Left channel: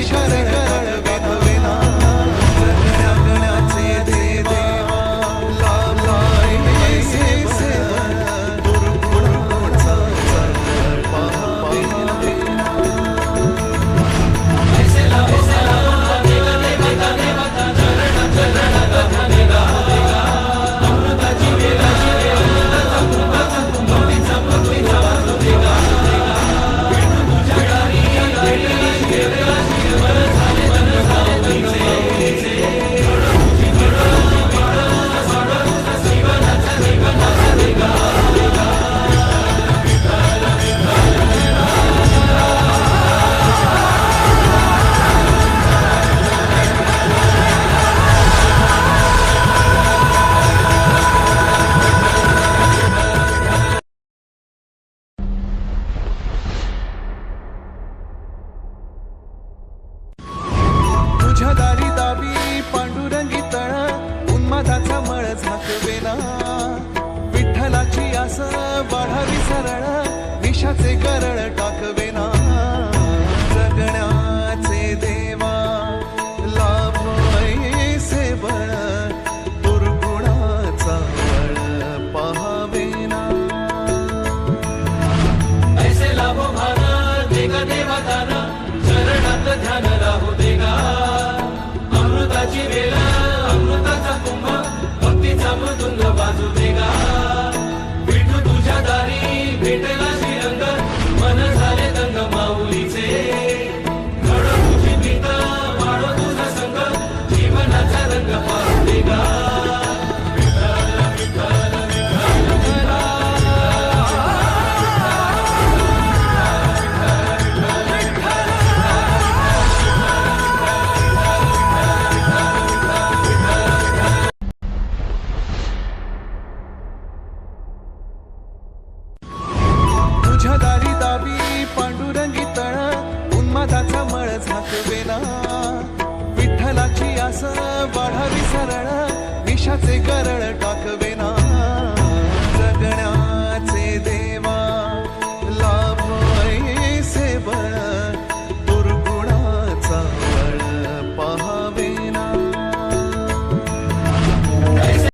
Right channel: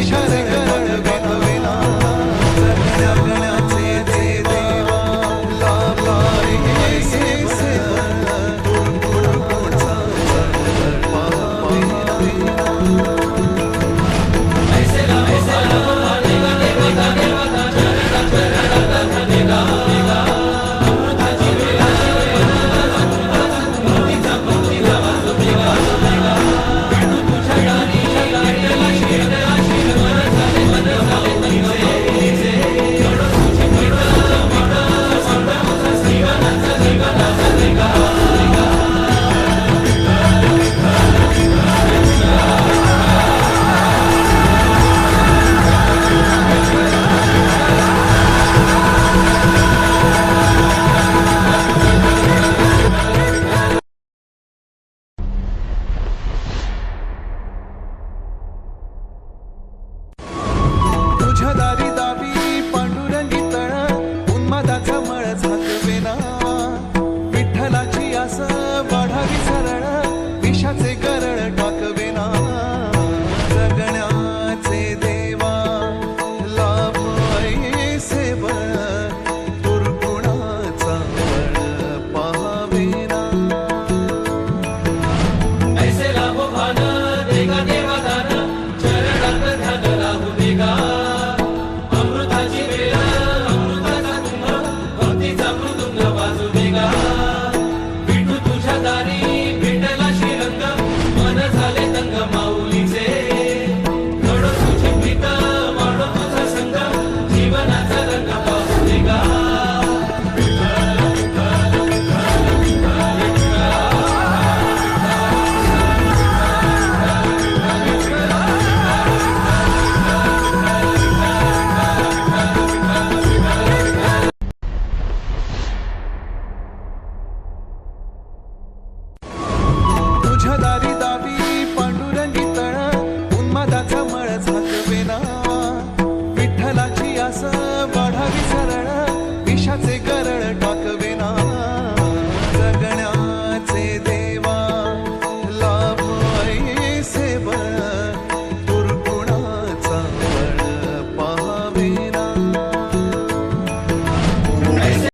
विषाचे करळ वाकवेना जगण्या गण्याचे देवा लाभलाय सेवा दुर्गुणाचा पाहावेना तुझ्या दारी दावी पांडुरंगी तळ उन्मादाचा मळ झाकवेना विठ्ठलाची आस वाढावी सरळ विषाचे करळ टाकवेना जगण्याचे देवा लाभ ऐसे बळ दुर्गुणाचा बळ पाहावेना ऐसे लाभो भान देगा देवा दान चरणात ध्यान लाभू देगा अमृताची वेळ अमृताचा कुंभ भक्तीचा मृदुंग वाजू देगा विठू तुझ्या दारी भेटला श्रीरंग मन झाले दंग माऊलीचे घडो तुझी प्रीत वाढो तुझा संग जीवनाचा रंग पाहू देगा तुझ्या दारी दावी पांडुरंगी तळ उन्मादाचा मळ झाकवेना विठ्ठलाची आस वाढावी सरळ विषाचे करळ टाकवेना